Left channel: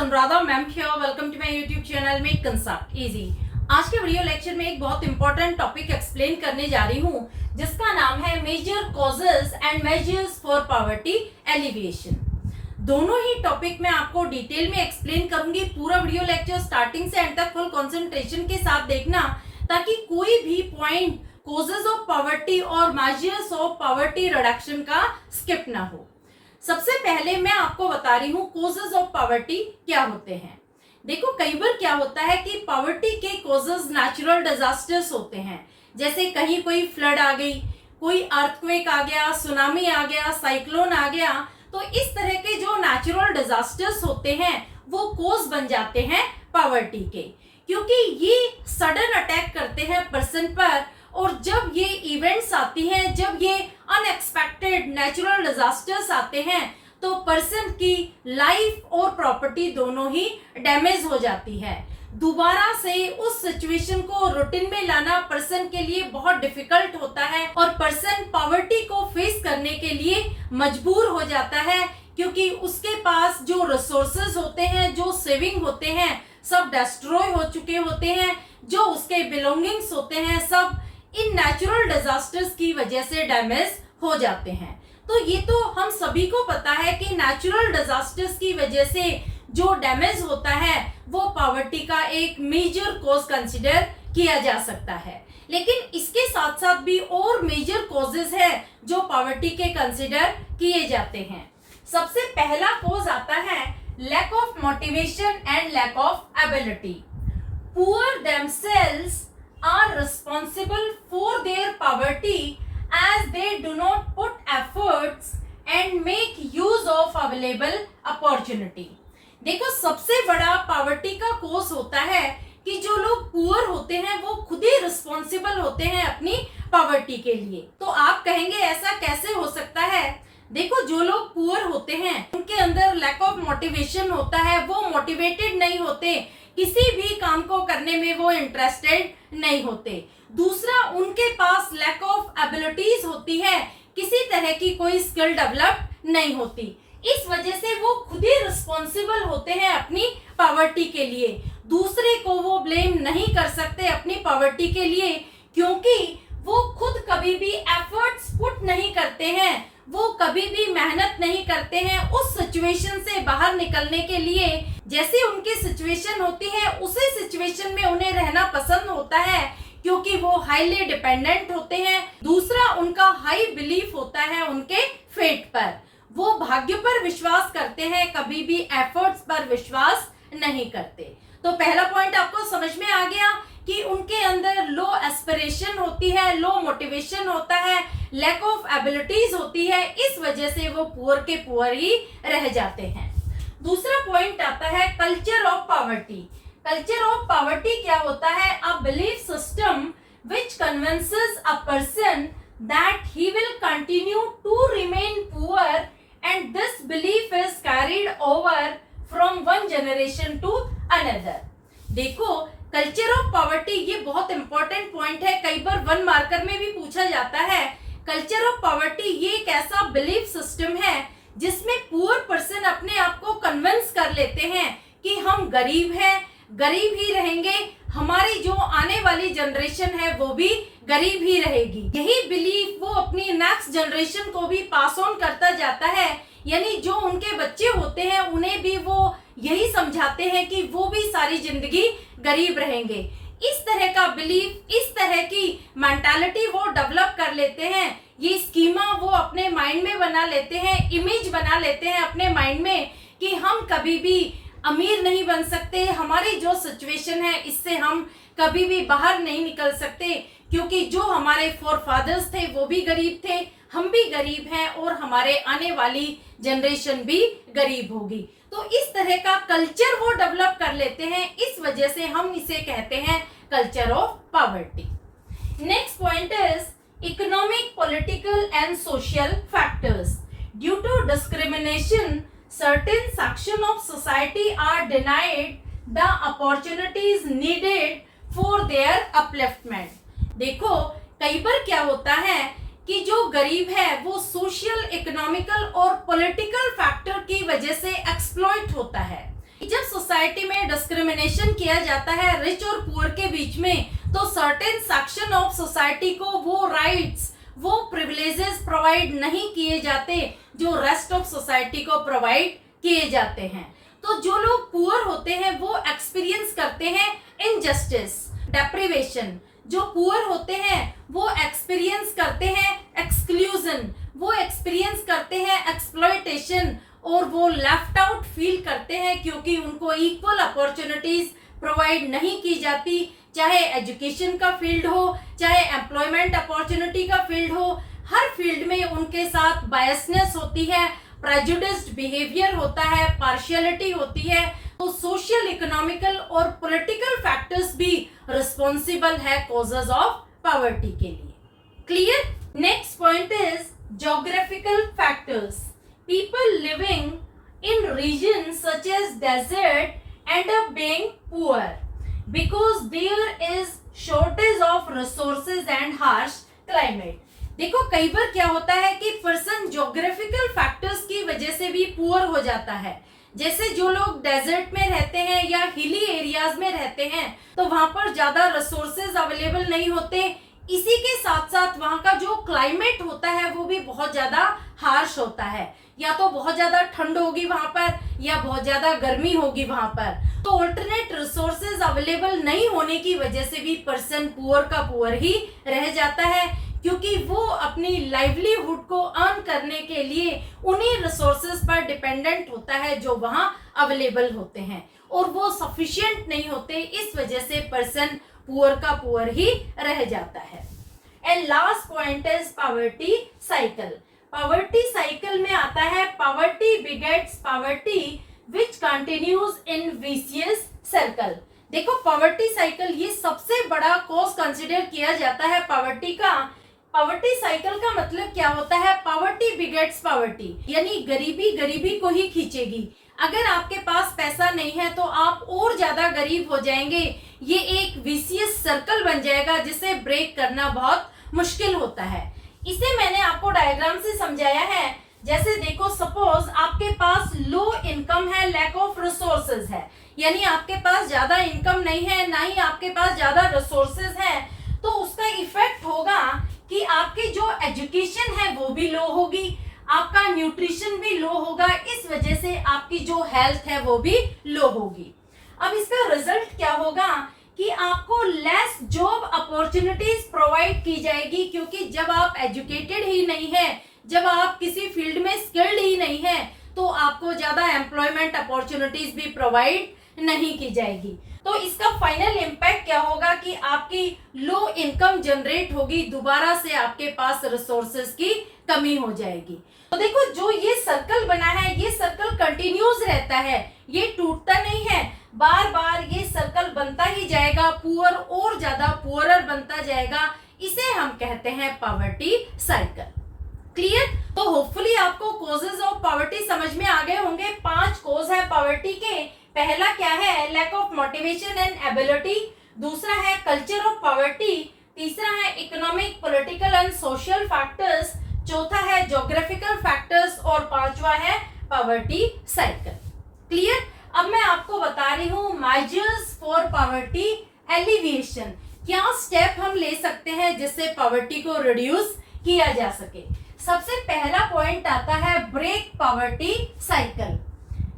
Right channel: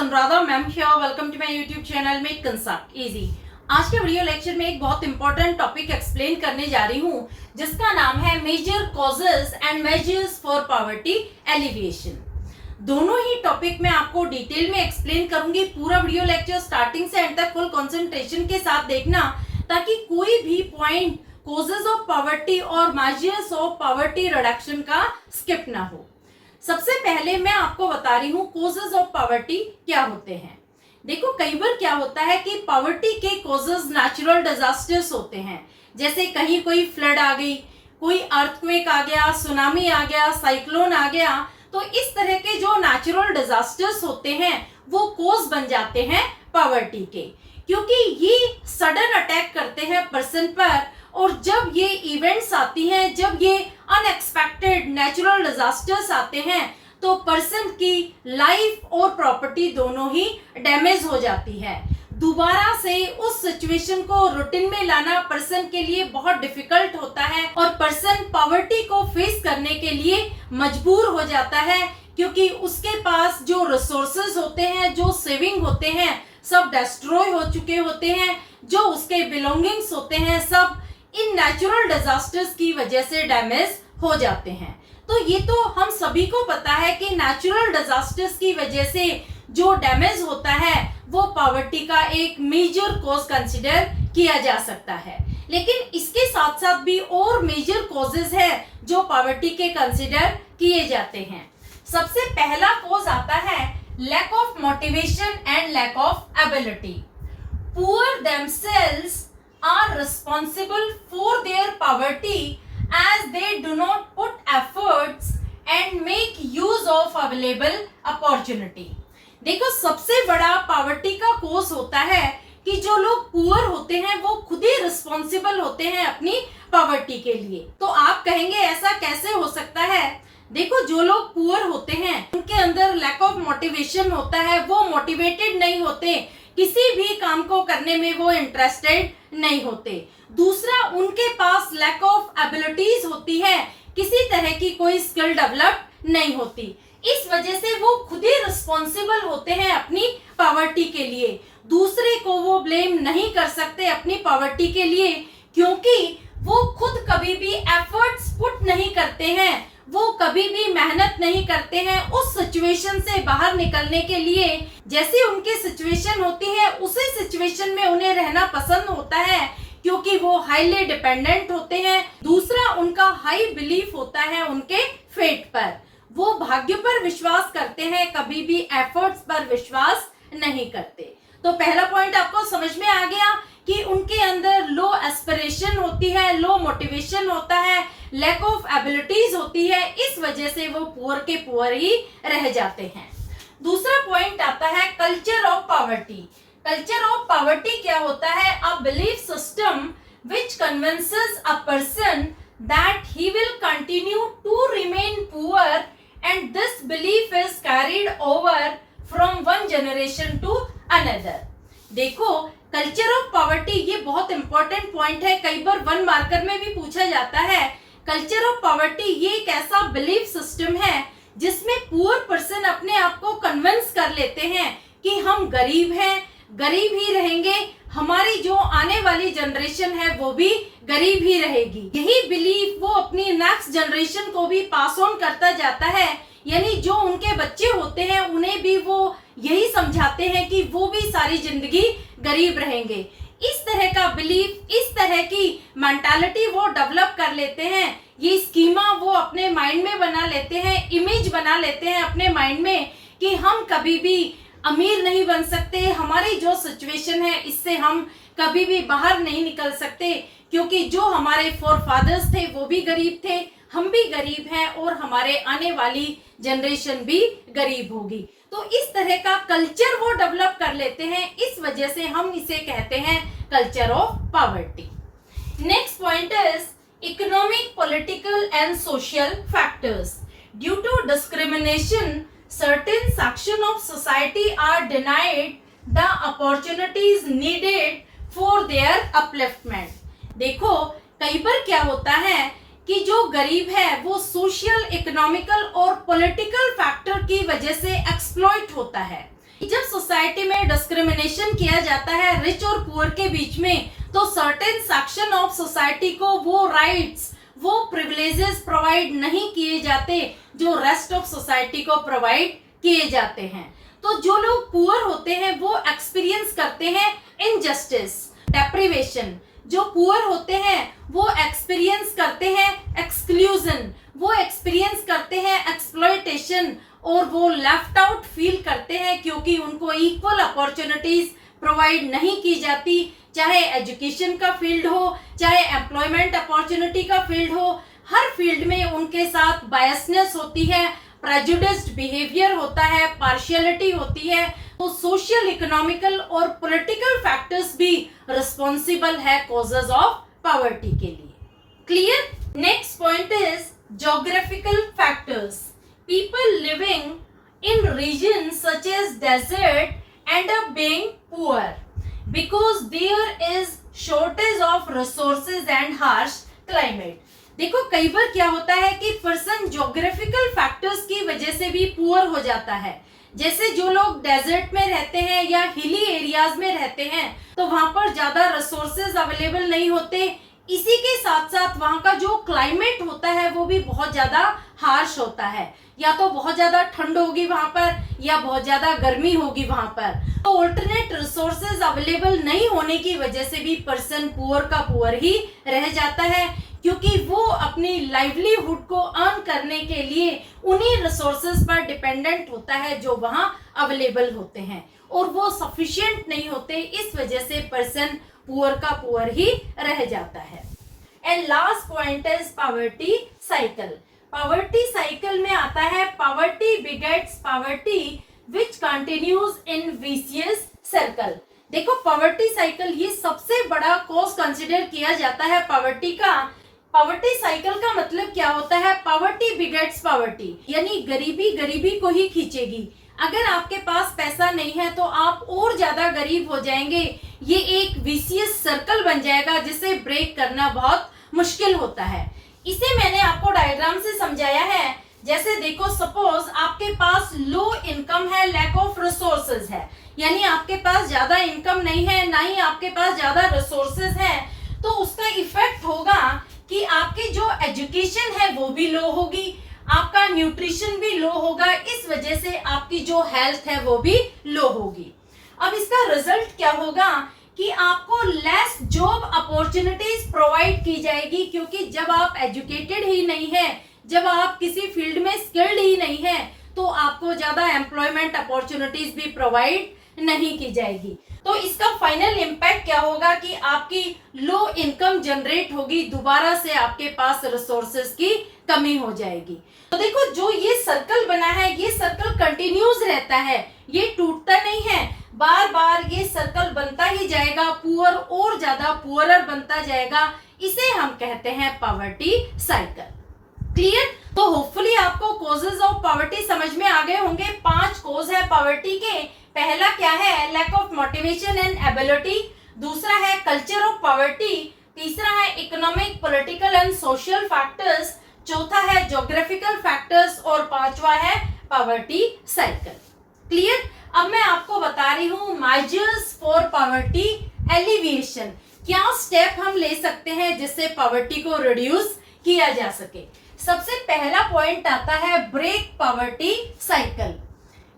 Anuradha ma'am here, welcome to my YouTube channel make concept easy. आज के video lecture में एक बहुत इंपॉर्टेंट टॉपिक एक्सप्लेन करने जा रही हूँ जिसका नाम है major causes and measures for poverty alleviation. दोनों ही टॉपिक मैं आपको डिटेल में एक्सप्लेन करूंगी। पूरा वीडियो लेक्चर स्टार्टिंग से एंड तक फुल कंसंट्रेशन के साथ देखना ताकि कोई भी पॉइंट कॉजेस ऑफ पॉवर्टी और मेजर्स ऑफ पॉवर्टी रिडक्शन का स्किप ना हो। सबसे पहले मैं आपको बता रही हूँ कॉजेज ऑफ पॉवर्टी क्या होते हैं। देखो, कई बार क्या होता है कि पॉवर्टी के कॉजेज नेचुरल डिजास्टर्स होते हैं, जैसे कहीं कोई फ्लड आ गई, कोई अर्थक्वेक आ गया, सुनामी आ गया, साइक्लोन आ गया। तो इस तरह के जो नेचुरल डिजास्टर्स होते हैं वो कॉज बन जाते हैं पॉवर्टी के, क्योंकि ये सडन अटैक करते हैं पर्सन पर। और जब ये इवेंट्स आती हैं, जब ये अनएक्सपेक्टेड नेचुरल डिजास्टर्स आते हैं, तो पर्सन की लाइफ और प्रॉपर्टी दोनों ही डैमेज हो जाती है। दोबारा से उस सिचुएशन को रूटीन में लाना पर्सन के लिए बहुत डिफिकल्ट होता है और पर्सन पॉवर्टी को फेस करने के लिए मजबूर हो जाता है, क्योंकि उसके पास जो रिसोर्सेज होते हैं, जो सेविंग होते हैं, सब डिस्ट्रॉय हो चुके होते हैं। जो उसके बिलोंगिंग्स होते हैं सब इन नेचुरल डिजास्टर्स की वजह से डैमेज हो जाते हैं। तो ये तो हम सभी को पता है कि नेचुरल डिजास्टर्स की वजह से जो डैमेज होता है वो पॉवर्टी का एक मेजर कॉज कंसीडर किया जा सकता है। लेकिन इसके साथ साथ भी और मेजर कॉजेज है जो पॉवर्टी के कंसीडर किए जाते हैं। सबसे पहला कॉज आता है lack of motivation and lack of ability. Poor themselves are responsible for their poverty as they do not put efforts and make use of available opportunity। देखो, सबसे बड़ा पॉवर्टी का कॉज होता है कि जो लोग पुअर होते हैं वो खुद ही रिस्पॉन्सिबल होते हैं अपनी पॉवर्टी के लिए। तो आप कहेंगे ऐसा कैसे हो सकता है? देखो, जो लोग पुअर होते हैं उनके अंदर लैक ऑफ मोटिवेशन होता है, वो मोटिवेटेड नहीं होते, किसी भी काम को करने में वो इंटरेस्टेड नहीं होते। दूसरा, उनके पास लैक ऑफ एबिलिटीज होती है, किसी तरह की कोई स्किल डेवलप नहीं होती। इस वजह से वो खुद ही रिस्पॉन्सिबल होते हैं अपनी पॉवर्टी के लिए। दूसरे को वो ब्लेम नहीं कर सकते अपनी पॉवर्टी के लिए, क्योंकि वो खुद कभी भी एफर्ट्स पुट नहीं करते हैं, वो कभी भी मेहनत नहीं करते हैं उस सिचुएशन से बाहर निकलने के लिए। जैसी उनकी सिचुएशन होती है उसी सिचुएशन में उन्हें रहना पसंद होता है, क्योंकि वो हाईली डिपेंडेंट होते हैं। दूसरा, उनका हाई बिलीफ होता है उनके फेट पर, वो भाग्य पर विश्वास करते हैं, कभी भी एफर्ट्स पर विश्वास नहीं करते। तो पहला पॉइंट आपको समझ में आ गया कि उनके अंदर लो एस्पिरेशन होती है, लो मोटिवेशन होता है, लैक ऑफ एबिलिटीज होती है, इस वजह से वो पुअर के पुअर ही रह जाते हैं। दूसरा पॉइंट आता है culture of poverty. Culture of poverty क्या होता है? A belief system which convinces a person that he will continue to remain poor and this belief is carried over from one generation to another. देखो, culture of poverty ये बहुत important point है, कई बार 1 marker में भी पूछा जाता है। कल्चर ऑफ पॉवर्टी ये एक ऐसा बिलीफ सिस्टम है जिसमें पुअर पर्सन अपने आप को कन्विंस कर लेते हैं कि हम गरीब हैं, गरीब ही रहेंगे, हमारी जो आने वाली जनरेशन है वो भी गरीब ही रहेगी। यही बिलीफ वो अपनी नेक्स्ट जनरेशन को भी पास ऑन करता जाता है, यानी जो उनके बच्चे होते हैं उन्हें भी वो यही समझाते हैं कि वो भी सारी जिंदगी गरीब रहेंगे। इस तरह का बिलीफ, इस तरह की मेंटालिटी वो डेवलप कर लेते हैं, ये स्कीमा वो अपने माइंड में बना लेते हैं, इमेज बना लेते हैं अपने माइंड में कि हम कभी भी अमीर नहीं बन सकते, हमारी जो सिचुएशन है इससे हम कभी भी बाहर नहीं निकल सकते, क्योंकि जो हमारे फोरफादर्स थे वो भी गरीब थे, हम भी गरीब हैं और हमारे आने वाली जनरेशन भी गरीब होगी। तो इस तरह का कल्चर वो डेवलप कर लेते हैं, इस वजह से हम इसे कहते हैं culture of poverty. Next point is economic, political and social factors. Due to discrimination certain section of society are denied the opportunities needed for their upliftment। देखो, कई बार क्या होता है कि जो गरीब है वो सोशल, इकोनॉमिकल और पॉलिटिकल फैक्टर की वजह से एक्सप्लॉइट होता है। जब सोसाइटी में डिस्क्रिमिनेशन किया जाता है रिच और पुअर के बीच में, तो सर्टेन सेक्शन ऑफ सोसाइटी को वो राइट्स, वो प्रिविलेजेस प्रोवाइड नहीं किए जाते जो रेस्ट ऑफ सोसाइटी को प्रोवाइड किए जाते हैं। तो जो लोग पुअर होते हैं वो एक्सपीरियंस करते हैं इनजस्टिस, डेप्रिवेशन। जो पुअर होते हैं वो एक्सपीरियंस करते हैं एक्सक्लूजन, वो एक्सपीरियंस करते हैं एक्सप्लॉयटेशन, और वो लेफ्ट आउट फील करते हैं क्योंकि उनको इक्वल अपॉर्चुनिटीज प्रोवाइड नहीं की जाती, चाहे एजुकेशन का फील्ड हो, चाहे एम्प्लॉयमेंट अपॉर्चुनिटी का फील्ड हो। हर फील्ड में उनके साथ बायसनेस होती है, प्रेजुडिस्ड बिहेवियर होता है, पार्शियलिटी होती है। तो सोशल, इकोनॉमिकल और पॉलिटिकल फैक्टर्स भी रिस्पॉन्सिबल है कॉजेज ऑफ पॉवर्टी के लिए। Clear? Next point is geographical factors. People living in regions such as desert end up being poor because there is shortage of resources and harsh climate. देखो कई बार क्या होता है कि पर्सन ज्योग्राफिकल फैक्टर्स की वजह से भी पुअर हो जाता है। जैसे जो लोग डेजर्ट में रहते हैं या हिली एरियाज में रहते हैं तो वहां पर ज्यादा रिसोर्सेज अवेलेबल नहीं होते, इसी के साथ साथ वहां का जो क्लाइमेट होता है वो भी बहुत ज्यादा हार्श होता है, या तो बहुत ज्यादा ठंड होगी वहां पर या बहुत ज्यादा गर्मी होगी वहां पर। तो ऑल्टरनेट रिसोर्सेज अवेलेबल नहीं होने की वजह से भी पर्सन पुअर का पुअर ही रह जाता है, क्योंकि वो अपनी लाइवलीहुड को अर्न करने के लिए उन्हीं रिसोर्सेज पर डिपेंडेंट होता है जो वहां अवेलेबल होते हैं, और वो सफिशिएंट नहीं होते, इस वजह से पर्सन पुअर का पुअर ही रह जाता है। And last point is poverty cycle. Poverty cycle में आता है poverty begets poverty which continues in vicious circle. देखो पॉवर्टी साइकिल ये सबसे बड़ा कॉज कंसिडर किया जाता है पॉवर्टी का। पॉवर्टी साइकिल का मतलब क्या होता है? पॉवर्टी बिगेट्स पॉवर्टी, यानी गरीबी गरीबी को ही खींचेगी। अगर आपके पास पैसा नहीं है तो आप और ज्यादा गरीब हो जाएंगे, ये एक विशियस सर्कल बन जाएगा जिसे ब्रेक करना बहुत मुश्किल होता है। इसे मैंने आपको डायग्राम से समझाया है। जैसे देखो सपोज आपके पास लो इनकम है, लैक ऑफ रिसोर्सेज है, यानी आपके पास ज्यादा इनकम नहीं है, ना ही आपके पास ज्यादा रिसोर्सेज है, तो उसका इफेक्ट होगा कि आपकी जो एजुकेशन है वो भी लो होगी, आपका न्यूट्रिशन भी लो होगा, इस वजह से आपकी जो हेल्थ है वो भी लो होगी। अब इसका रिजल्ट क्या होगा कि आपको लेस जॉब अपॉर्चुनिटीज प्रोवाइड की जाएगी, क्योंकि जब आप एजुकेटेड ही नहीं है, जब आप किसी फील्ड में स्किल्ड ही नहीं है, तो आपको ज्यादा एम्प्लॉयमेंट अपॉर्चुनिटीज भी प्रोवाइड नहीं की जाएगी। तो इसका फाइनल इम्पैक्ट क्या होगा कि आपकी लो इनकम जनरेट होगी, दोबारा से आपके पास रिसोर्सेज की कमी हो जाएगी। तो देखो जो ये सर्कल बना है, ये सर्कल कंटिन्यूज रहता है, ये टूटता नहीं है, बार बार ये सर्कल बनता ही जाएगा, पुअर और ज्यादा पुअरर बनता जाएगा। इसे हम कहते हैं पॉवर्टी साइकिल। क्लियर? तो होपफुली आपको कॉजेज ऑफ पॉवर्टी समझ में आ गए होंगे। 5 कॉज है पॉवर्टी के। पहला क्या है? Lack of motivation and ability. दूसरा है कल्चर ऑफ पॉवर्टी। तीसरा है economic, political and social factors. चौथा है ज्योग्राफिकल फैक्टर्स, और पांचवा है पॉवर्टी साइकिल। क्लियर? अब मैं आपको बता रही हूँ मेजर्स फॉर पॉवर्टी एलिविएशन। क्या स्टेप हम ले सकते हैं जिससे पॉवर्टी को रिड्यूस किया जा सके। सबसे पहला पॉइंट आता है break poverty cycle.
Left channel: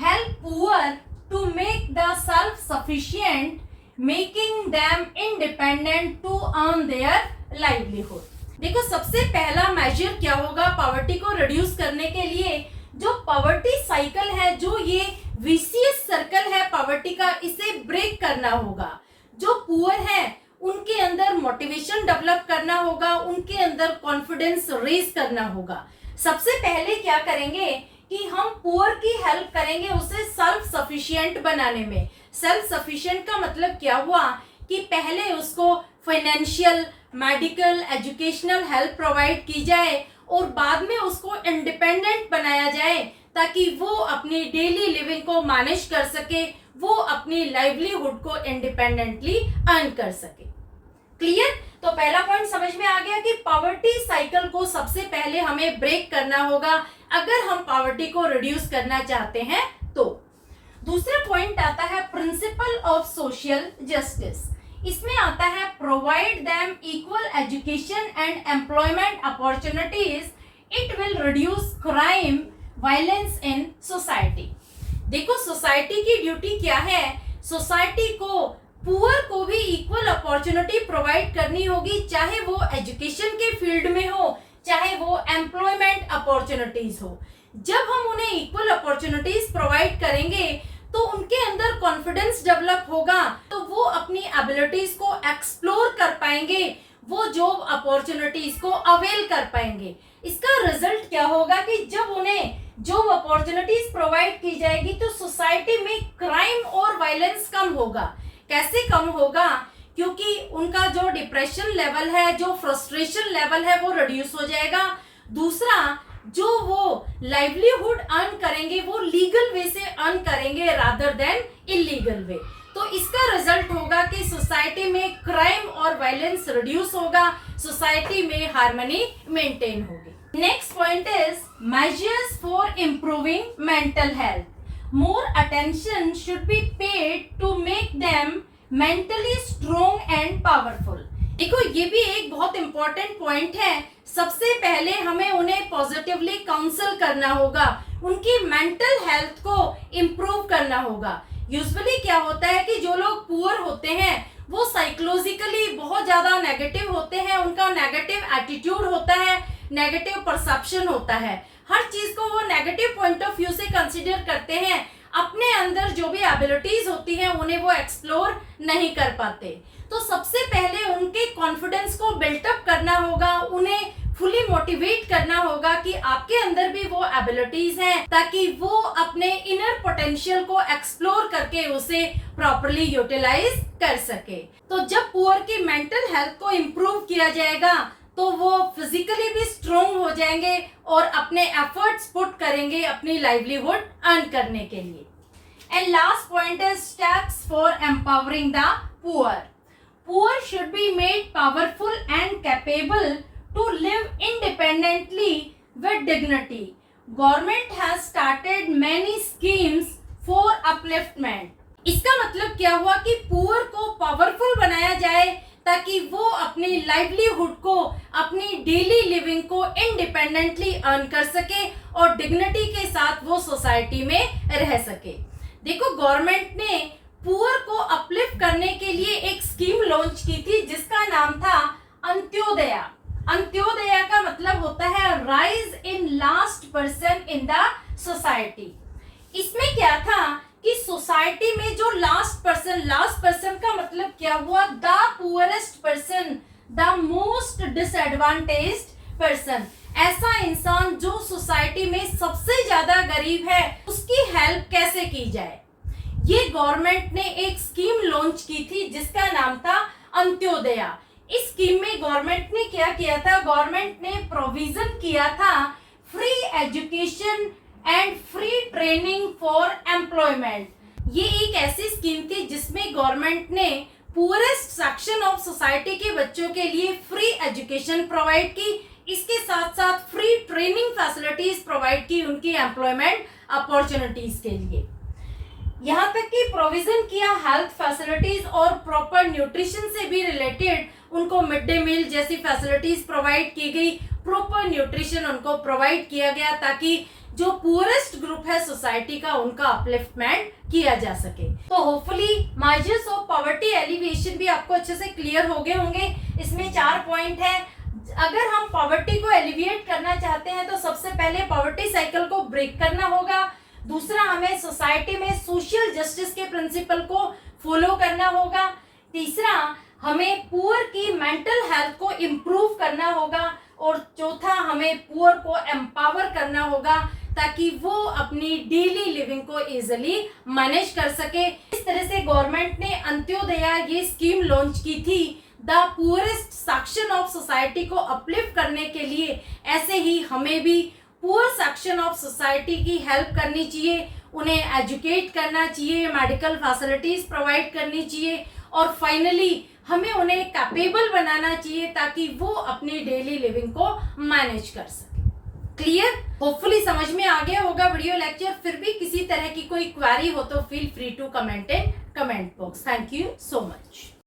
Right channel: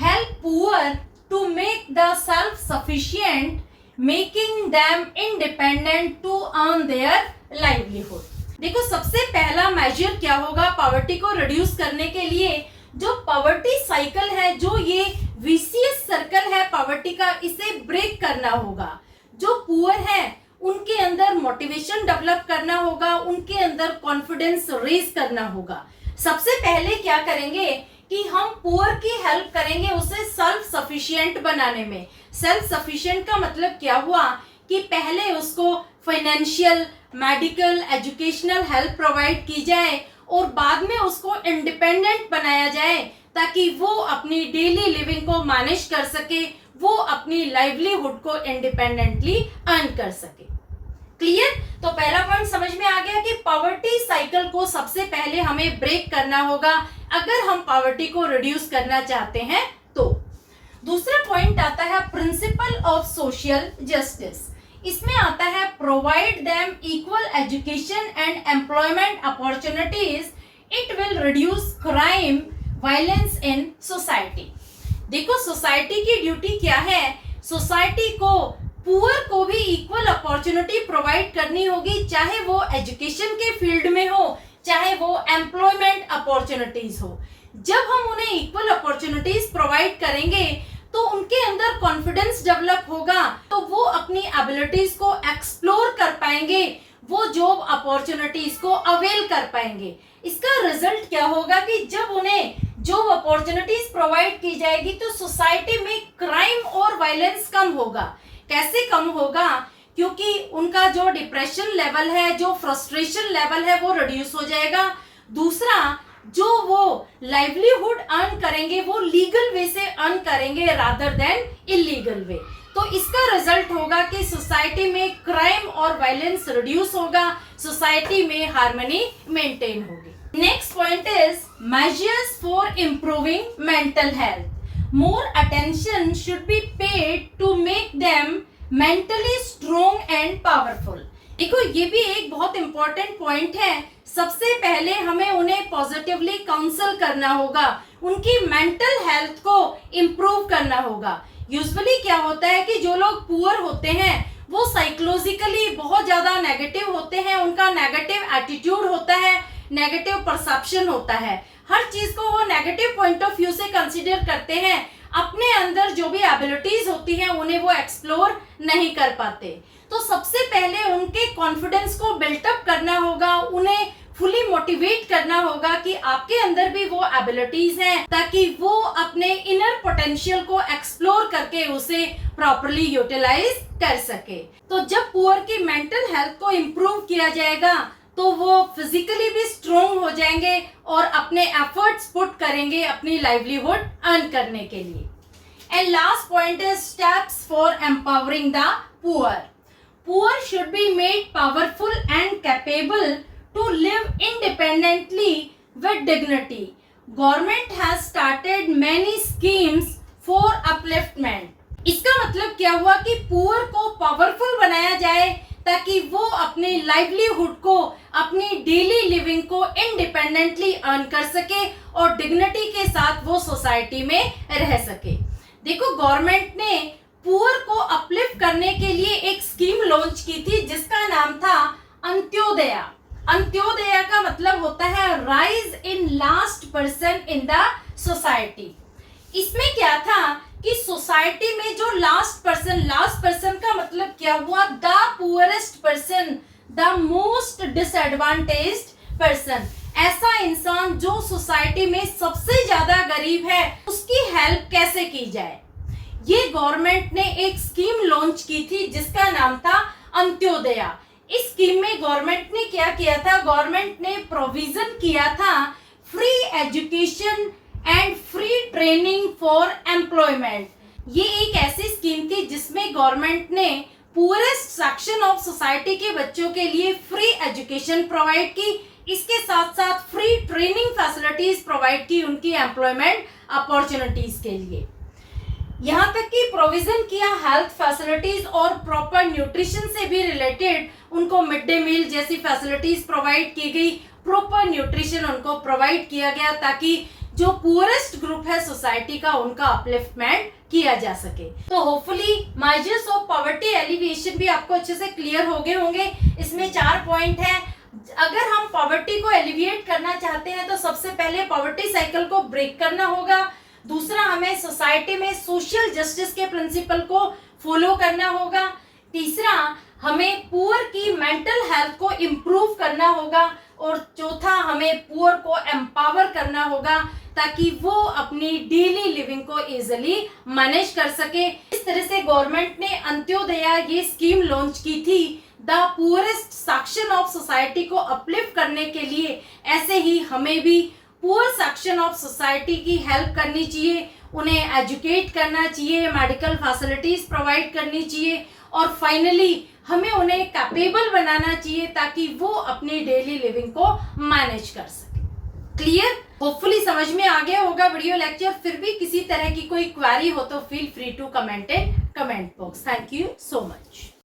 Help poor to make the self sufficient, making them independent to earn their livelihood. देखो सबसे पहला मेजर क्या होगा पॉवर्टी को रिड्यूस करने के लिए? जो पॉवर्टी साइकिल है, जो ये विशियस सर्कल है पॉवर्टी का, इसे ब्रेक करना होगा। जो पुअर है उनके अंदर मोटिवेशन डेवलप करना होगा, उनके अंदर कॉन्फिडेंस रेज करना होगा। सबसे पहले क्या करेंगे कि हम पुअर की हेल्प करेंगे उसे सेल्फ सफिशिएंट बनाने में। सेल्फ सफिशिएंट का मतलब क्या हुआ कि पहले उसको financial, medical, educational help provide की जाए और बाद में उसको इंडिपेंडेंट बनाया जाए, ताकि वो अपनी डेली लिविंग को मैनेज कर सके, वो अपनी लाइवलीहुड को इंडिपेंडेंटली अर्न कर सके। क्लियर? तो पहला पॉइंट समझ में आ गया कि पॉवर्टी साइकिल को सबसे पहले हमें ब्रेक करना होगा अगर हम पॉवर्टी को रिड्यूस करना चाहते हैं तो। दूसरा पॉइंट आता है प्रिंसिपल ऑफ सोशल जस्टिस। इसमें आता है provide them equal education and employment opportunities, it will reduce crime violence in society. देखो सोसाइटी की ड्यूटी क्या है, सोसाइटी को पुअर को भी इक्वल अपॉर्चुनिटी प्रोवाइड करनी होगी, चाहे वो एजुकेशन के फील्ड में हो, चाहे वो एम्प्लॉयमेंट अपॉर्चुनिटीज हो। जब हम उन्हें इक्वल अपॉर्चुनिटीज प्रोवाइड करेंगे तो उनके अंदर कॉन्फिडेंस डेवलप होगा, तो वो अपनी एबिलिटीज को एक्सप्लोर कर पाएंगे, वो जॉब अपॉर्चुनिटीज को अवेल कर पाएंगे। इसका रिजल्ट क्या होगा कि जब उन्हें जॉब अपॉर्चुनिटीज प्रोवाइड की जाएगी तो सोसाइटी में क्राइम और वायलेंस कम होगा। कैसे कम होगा? क्योंकि उनका जो डिप्रेशन लेवल है, जो फ्रस्ट्रेशन लेवल है, वो रिड्यूस हो जाएगा। दूसरा, जो वो लाइवलीहुड अर्न करेंगे वो लीगल वे से अर्न करेंगे रादर देन इलीगल वे। तो इसका रिजल्ट होगा कि सोसाइटी में क्राइम और वायलेंस रिड्यूस होगा, सोसाइटी में हार्मनी मेंटेन होगी। Next point is measures for improving mental health. More attention should be paid to make them mentally strong and powerful. देखो ये भी एक बहुत इंपॉर्टेंट पॉइंट है। सबसे पहले हमें उन्हें पॉजिटिवली काउंसल करना होगा, उनकी मेंटल हेल्थ को इम्प्रूव करना होगा। यूजुअली क्या होता है कि जो लोग पुअर होते हैं वो साइकोलॉजिकली बहुत ज्यादा नेगेटिव होते हैं, उनका नेगेटिव एटीट्यूड होता है, नेगेटिव परसेप्शन होता है, हर चीज को वो नेगेटिव पॉइंट ऑफ व्यू से कंसिडर करते हैं, अपने अंदर जो भी एबिलिटीज होती हैं उन्हें वो एक्सप्लोर नहीं कर पाते। तो सबसे पहले उनके कॉन्फिडेंस को बिल्टअप करना होगा, उन्हें फुली मोटिवेट करना होगा कि आपके अंदर भी वो एबिलिटीज हैं, ताकि वो अपने इनर पोटेंशियल को एक्सप्लोर करके उसे प्रॉपर्ली यूटिलाइज कर सके। तो जब पुअर की मेंटल हेल्थ को इम्प्रूव किया जाएगा तो वो फिजिकली भी स्ट्रॉन्ग हो जाएंगे और अपने एफर्ट्स पुट करेंगे अपनी लाइवलीहुड अर्न करने के लिए। And last point is steps for empowering the poor. Poor should be made powerful and capable to live independently with dignity. Government has started many schemes for upliftment. इसका मतलब क्या हुआ कि पुअर को powerful बनाया जाए ताकि वो अपनी लाइवलीहुड को, अपनी डेली लिविंग को इंडिपेंडेंटली अर्न कर सके और डिग्निटी के साथ वो सोसाइटी में रह सके। देखो गवर्नमेंट ने पुअर को अपलिफ्ट करने के लिए एक स्कीम लॉन्च की थी जिसका नाम था अंत्योदया। अंत्योदया का मतलब होता है rise in last person in the society. इसमें क्या था कि सोसाइटी में जो लास्ट पर्सन का मतलब क्या हुआ? The poorest person, the most disadvantaged person. ऐसा इंसान जो सोसाइटी में सबसे ज्यादा गरीब है, उसकी हेल्प कैसे की जाए, ये गवर्नमेंट ने एक स्कीम लॉन्च की थी जिसका नाम था अंत्योदया। इस स्कीम में गवर्नमेंट ने क्या किया था? गवर्नमेंट ने प्रोविजन किया था free education and free training for employment. ये एक ऐसी स्कीम थी जिसमें गवर्नमेंट ने पुअरेस्ट सेक्शन ऑफ सोसाइटी के बच्चों के लिए फ्री एजुकेशन प्रोवाइड की, इसके साथ साथ फ्री ट्रेनिंग फैसिलिटीज प्रोवाइड की उनकी एम्प्लॉयमेंट अपॉर्चुनिटीज के लिए। यहाँ तक कि प्रोविजन किया हेल्थ फैसिलिटीज और प्रॉपर न्यूट्रिशन से भी रिलेटेड उनको मिड डे मील जैसी फैसिलिटीज प्रोवाइड की गई, प्रॉपर न्यूट्रिशन उनको प्रोवाइड किया गया ताकि जो पुअरेस्ट ग्रुप है सोसाइटी का उनका अपलिफ्टमेंट किया जा सके। तो hopefully measures of poverty alleviation भी आपको अच्छे से क्लियर हो गए होंगे। इसमें 4 पॉइंट है। अगर हम पॉवर्टी को एलिविएट करना चाहते हैं तो सबसे पहले पॉवर्टी साइकिल को ब्रेक करना होगा। दूसरा, हमें सोसाइटी में सोशल जस्टिस के प्रिंसिपल को फॉलो करना होगा। तीसरा, हमें पुअर की मेंटल हेल्थ को इम्प्रूव करना होगा। और चौथा, हमें पुअर को एम्पावर करना होगा ताकि वो अपनी डेली लिविंग को इजीली मैनेज कर सके। इस तरह से गवर्नमेंट ने अंत्योदया ये स्कीम लॉन्च की थी the poorest section of society को अपलिफ्ट करने के लिए। ऐसे ही हमें भी पुअर सेक्शन ऑफ सोसाइटी की हेल्प करनी चाहिए, उन्हें एजुकेट करना चाहिए, मेडिकल फैसिलिटीज प्रोवाइड करनी चाहिए और फाइनली हमें उन्हें कैपेबल बनाना चाहिए ताकि वो अपनी डेली लिविंग को मैनेज कर सके। क्लियर? होपफुली समझ में आ गया होगा वीडियो लेक्चर। फिर भी किसी तरह की कोई क्वेरी हो तो feel free to comment in comment box. Thank you so much.